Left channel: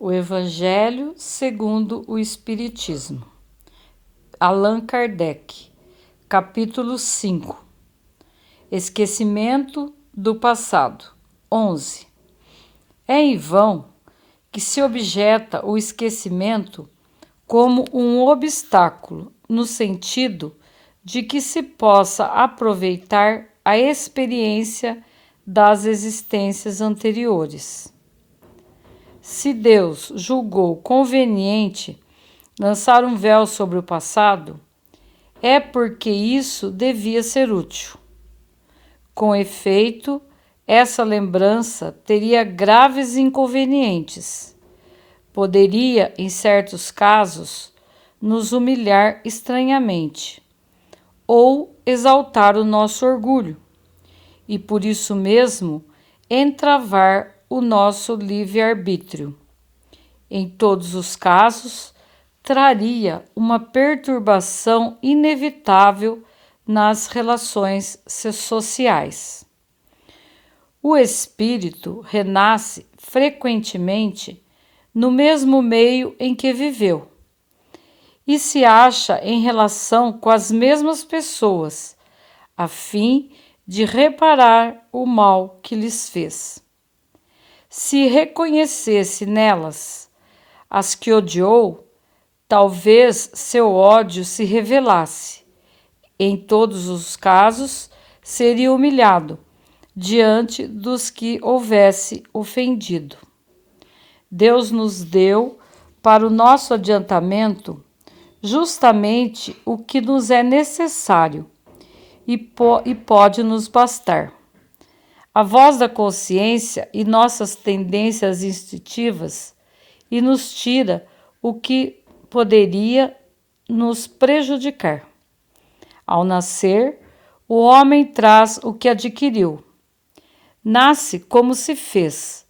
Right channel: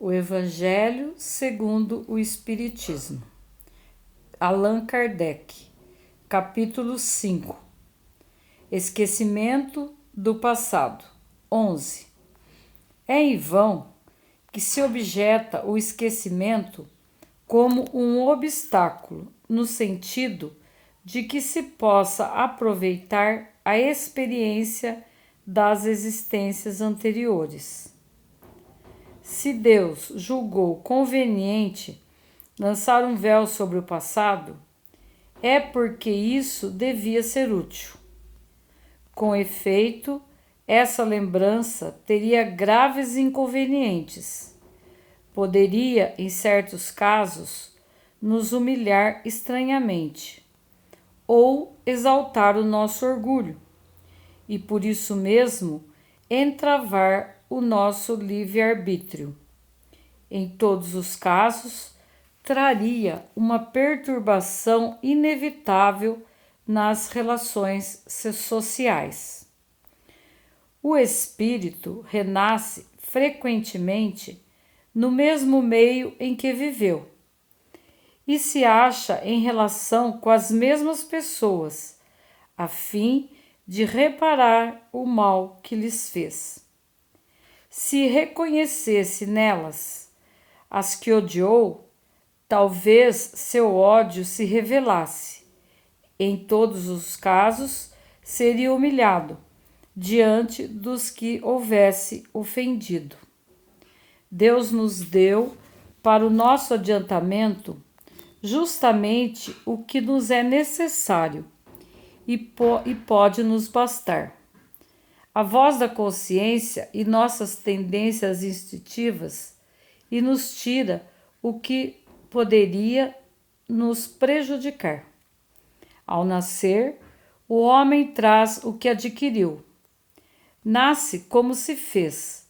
O Evangelho segundo o Espiritismo. Allan Kardec, capítulo 5. Esquecimento do passado. 11. É em vão que se objeta o esquecimento como um obstáculo, no sentido de que se possa aproveitar a experiência das existências anteriores. Se Deus julgou conveniente lançar um véu sobre o passado, é porque isso devia ser útil. Com efeito, essa lembrança teria graves inconvenientes. Poderia, em certos casos, nos humilhar estranhamente ou exaltar o nosso orgulho e, por isso mesmo, entravar o nosso livre-arbítrio. Em todos os casos, traria uma perturbação inevitável nas relações sociais. O espírito renasce frequentemente no mesmo meio em que viveu e se acha em relação com as mesmas pessoas, a fim de reparar o mal que lhes fez. Se reconhecesse nelas as que odiou, talvez seu ódio se revelasse. Em todos os casos, seria humilhado diante dos que houvesse ofendido. Deus nos deu, para o nosso adiantamento, justamente o que nos é necessário e pode nos bastar. A voz da consciência e nossas tendências instintivas e nos tira o que poderia nos prejudicar. Ao nascer, o homem traz o que adquiriu. Nasce como se fez.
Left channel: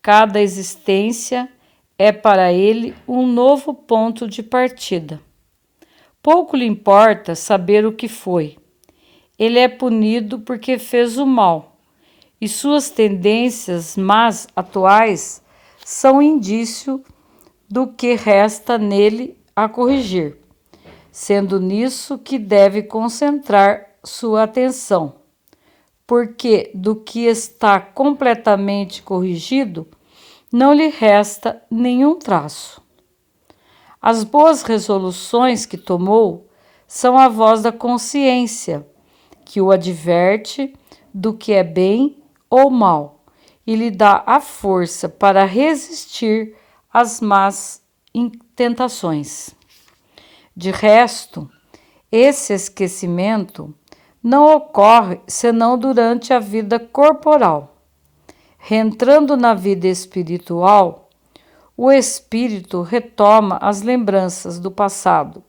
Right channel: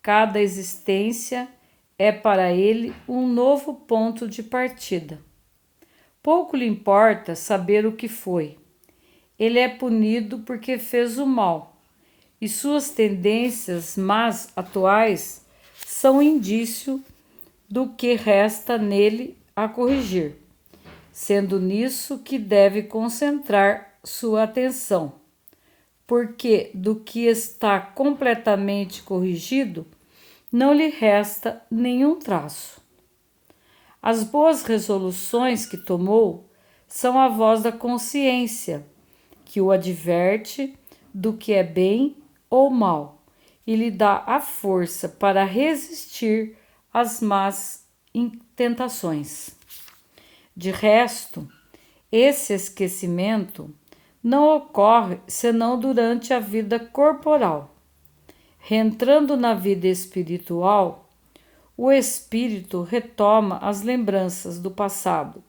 Cada existência é para ele um novo ponto de partida. Pouco lhe importa saber o que foi. Ele é punido porque fez o mal. E suas tendências más atuais são indício do que resta nele a corrigir, sendo nisso que deve concentrar sua atenção, porque do que está completamente corrigido não lhe resta nenhum traço. As boas resoluções que tomou são a voz da consciência, que o adverte do que é bem ou mal e lhe dá a força para resistir às más tentações. De resto, esse esquecimento não ocorre senão durante a vida corporal. Reentrando na vida espiritual, o espírito retoma as lembranças do passado.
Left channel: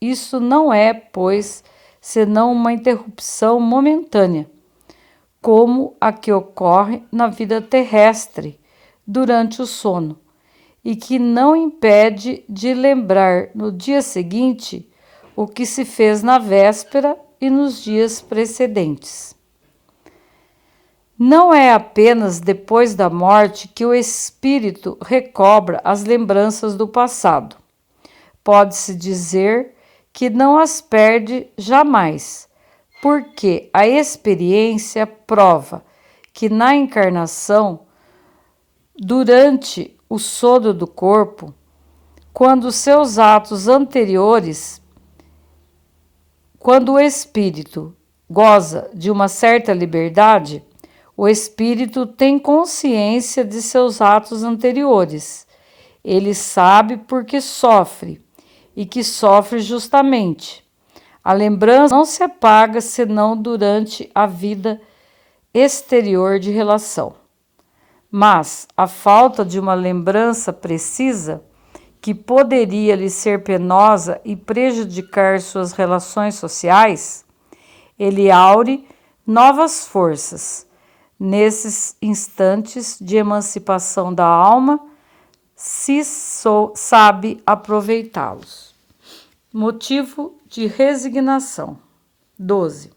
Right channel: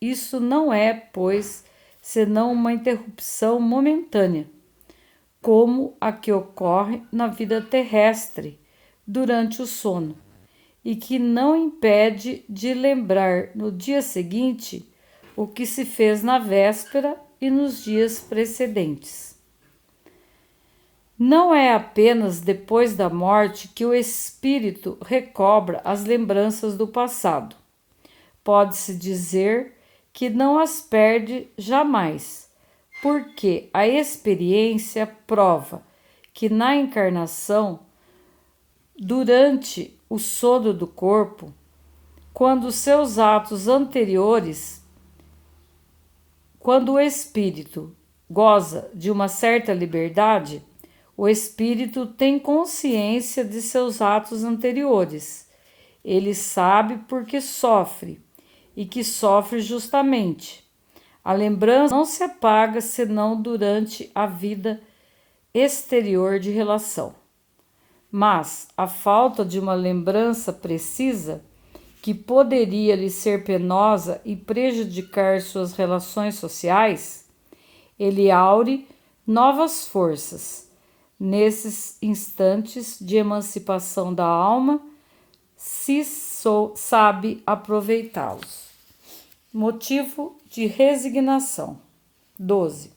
Isso não é, pois, senão uma interrupção momentânea, como a que ocorre na vida terrestre durante o sono, e que não impede de lembrar no dia seguinte o que se fez na véspera e nos dias precedentes. Não é apenas depois da morte que o espírito recobra as lembranças do passado. Pode-se dizer que não as perde jamais, porque a experiência prova que na encarnação, durante o sono do corpo, quando seus atos anteriores, quando o espírito goza de uma certa liberdade, o espírito tem consciência de seus atos anteriores. Ele sabe por que sofre e que sofre justamente. A lembrança não se apaga senão durante a vida exterior de relação. Mas a falta de uma lembrança precisa, que poderia lhe ser penosa e prejudicar suas relações sociais, ele aure novas forças. Nesses instantes de emancipação da alma, se sabe aproveitá-los. Motivo de resignação. 12.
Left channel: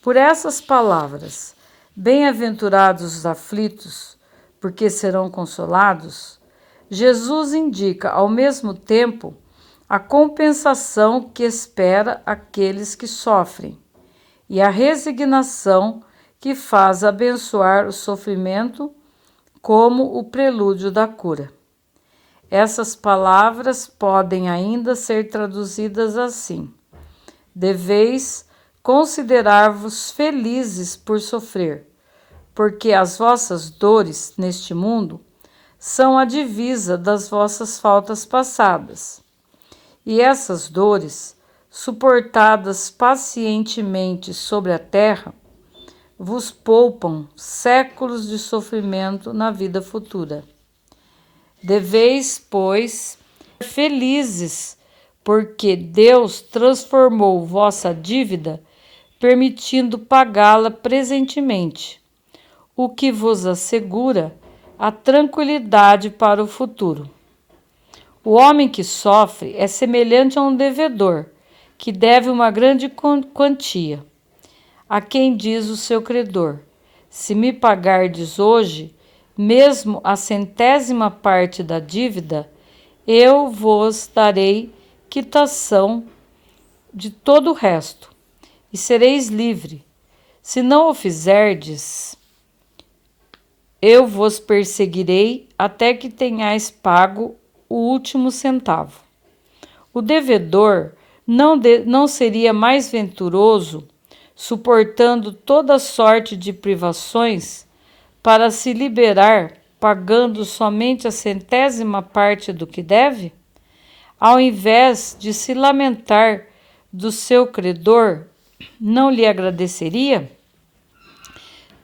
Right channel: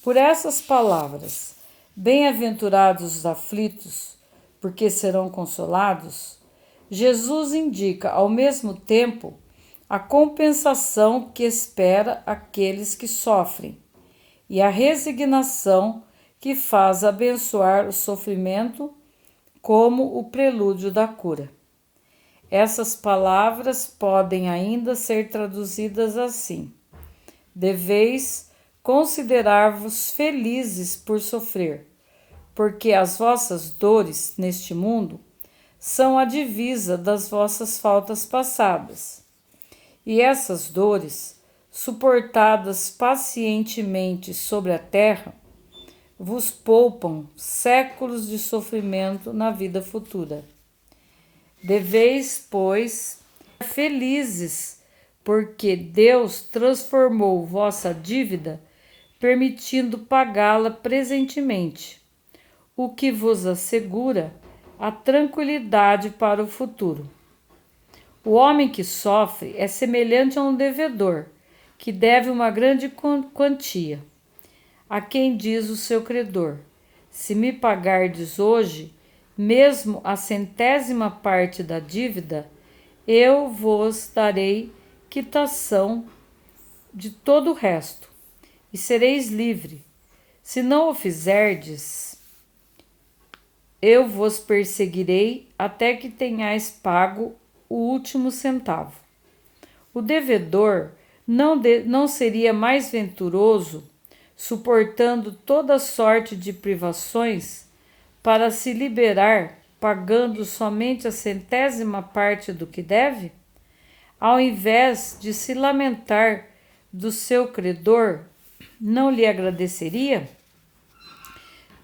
Por essas palavras, bem-aventurados os aflitos, porque serão consolados, Jesus indica, ao mesmo tempo, a compensação que espera aqueles que sofrem e a resignação que faz abençoar o sofrimento como o prelúdio da cura. Essas palavras podem ainda ser traduzidas assim: deveis considerar-vos felizes por sofrer, porque as vossas dores neste mundo são a divisa das vossas faltas passadas. E essas dores, suportadas pacientemente sobre a terra, vos poupam séculos de sofrimento na vida futura. Deveis, pois, ser felizes, porque Deus transformou vossa dívida, permitindo pagá-la presentemente, o que vos assegura a tranquilidade para o futuro. O homem que sofre é semelhante a um devedor, que deve uma grande quantia. A quem diz o seu credor: se me pagardes hoje, mesmo a 100ª parte da dívida, eu vos darei quitação de todo o resto, e sereis livre. Se não o fizerdes, eu vos perseguirei até que tenhais pago o último centavo. O devedor não seria mais venturoso, suportando toda sorte de privações, para se liberar pagando somente a 100ª parte do que deve? Ao invés de se lamentar do seu credor, não lhe agradeceria?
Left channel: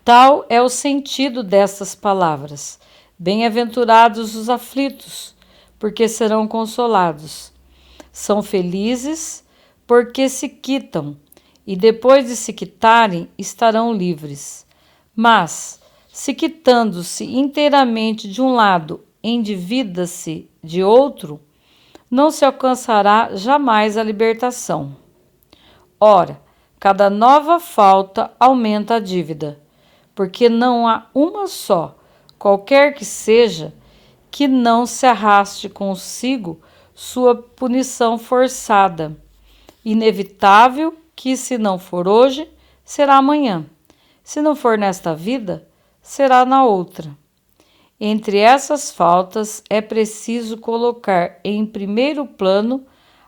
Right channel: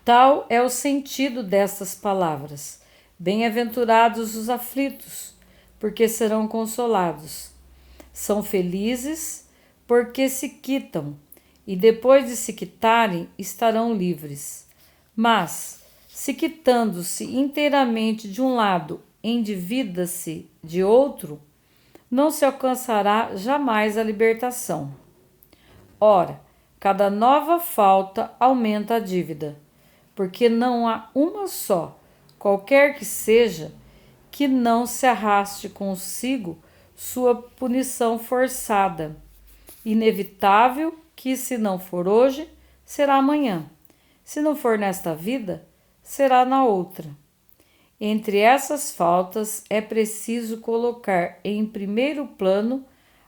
Tal é o sentido destas palavras. Bem-aventurados os aflitos, porque serão consolados. São felizes, porque se quitam, e depois de se quitarem, estarão livres. Mas, se quitando-se inteiramente de um lado, endivida-se de outro, não se alcançará jamais a libertação. Ora, cada nova falta aumenta a dívida, porque não há uma só, qualquer que seja, que não se arraste consigo sua punição forçada, inevitável, que se não for hoje, será amanhã. Se não for nesta vida, será na outra. Entre essas faltas é preciso colocar em primeiro plano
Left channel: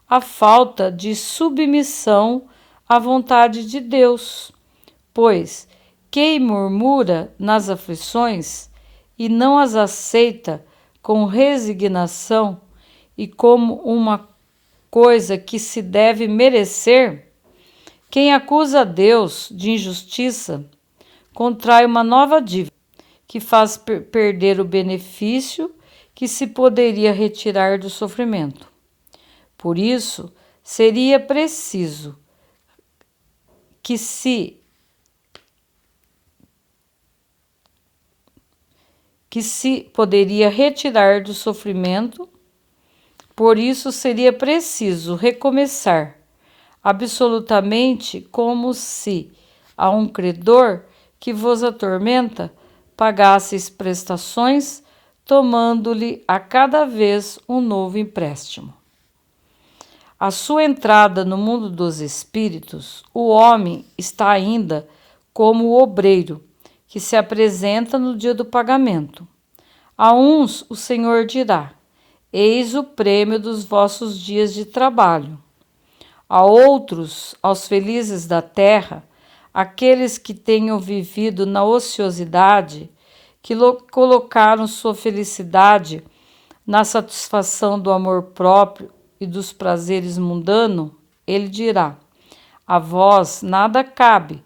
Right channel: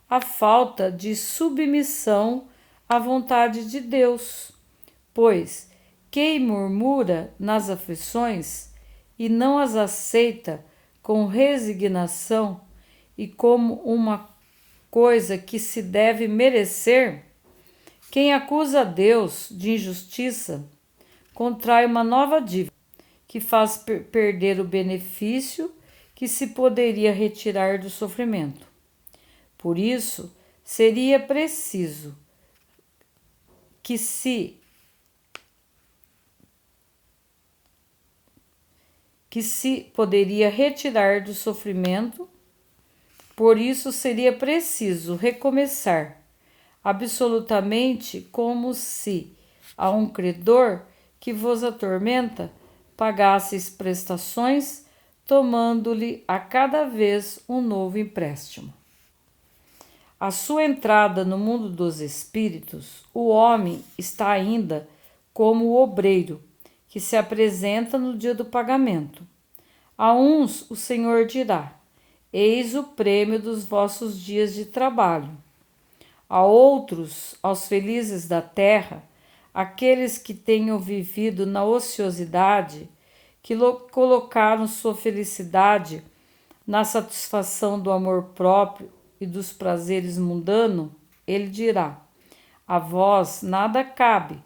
a falta de submissão à vontade de Deus, pois quem murmura nas aflições e não as aceita com resignação e como uma coisa que se deve merecer, quem acusa Deus de injustiça contrai uma nova dívida, que faz perder o benefício que se poderia retirar do sofrimento. Por isso, seria preciso que se poderia retirar do sofrimento, por isso seria preciso recomeçar, absolutamente como se a um credor que vos atormenta pagasseis prestações, tomando-lhe a cada vez um novo empréstimo. À sua entrada no mundo dos espíritos, o homem está ainda como o obreiro, que se apresenta no dia do pagamento. A uns o Senhor dirá: eis o prêmio dos vossos dias de trabalho. A outros, aos felizes da terra, aqueles que tenham vivido na ociosidade, que colocaram sua felicidade na satisfação do amor próprio e dos prazeres mundanos, ele dirá: a vós nada cabe,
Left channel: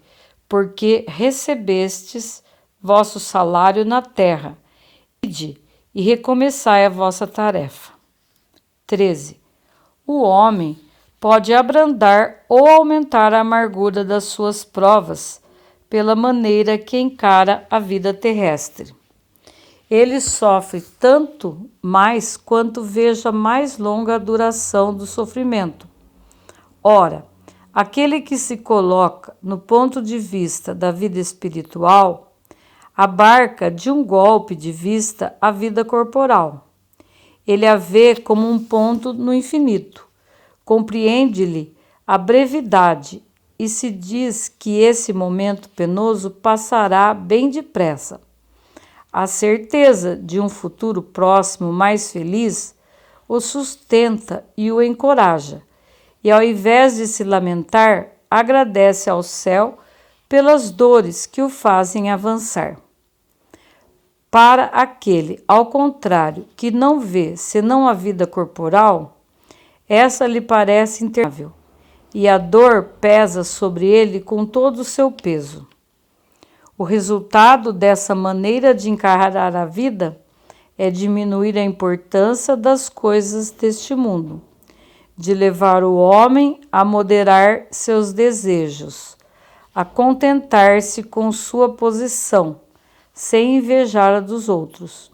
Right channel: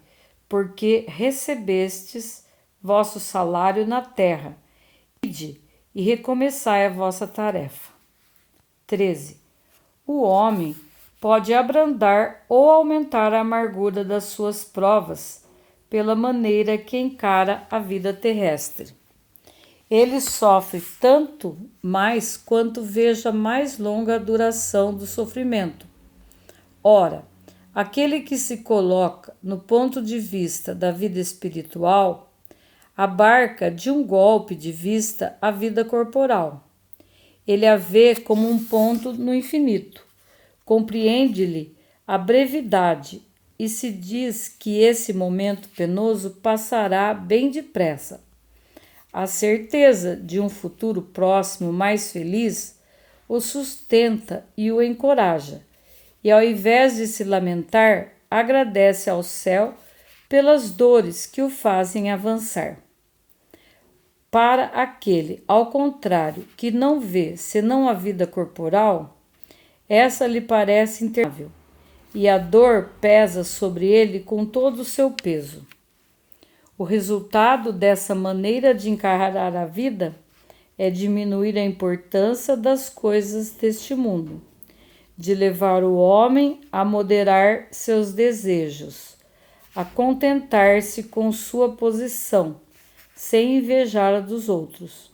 porque recebestes vosso salário na terra. Ide e recomeçai a vossa tarefa. 13. O homem pode abrandar ou aumentar a amargura das suas provas pela maneira que encara a vida terrestre. Ele sofre tanto mais quanto veja mais longa a duração do sofrimento. Ora, aquele que se coloca no ponto de vista da vida espiritual abarca de um golpe de vista a vida corporal. Ele a vê como um ponto no infinito. Compreende-lhe a brevidade e se diz que esse momento penoso passará bem depressa. A certeza de um futuro próximo mais feliz o sustenta e o encoraja, e ao invés de se lamentar, agradece ao céu pelas dores que o fazem avançar. Para aquele, ao contrário, que não vê senão a vida corporal, essa lhe parece interminável, e a dor pesa sobre ele com todo o seu peso. O resultado dessa maneira de encarar a vida é diminuir a importância das coisas deste mundo, de levar o homem a moderar seus desejos, a contentar-se com sua posição, sem invejar a dos outros,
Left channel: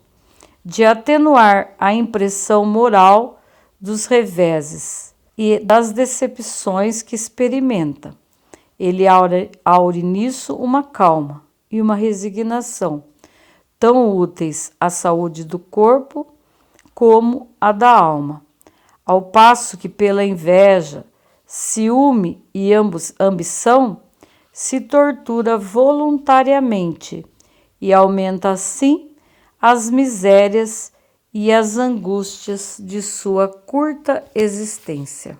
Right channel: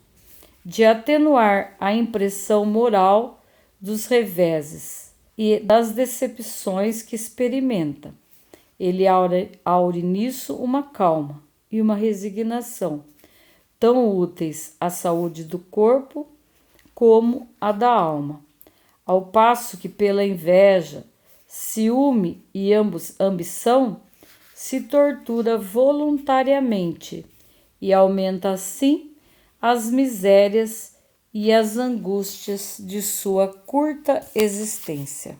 de atenuar a impressão moral dos reveses e das decepções que experimenta. Ele aure nisso uma calma e uma resignação, tão úteis à saúde do corpo como à da alma, ao passo que pela inveja, ciúme e ambição se tortura voluntariamente e aumenta assim as misérias e as angústias de sua curta existência.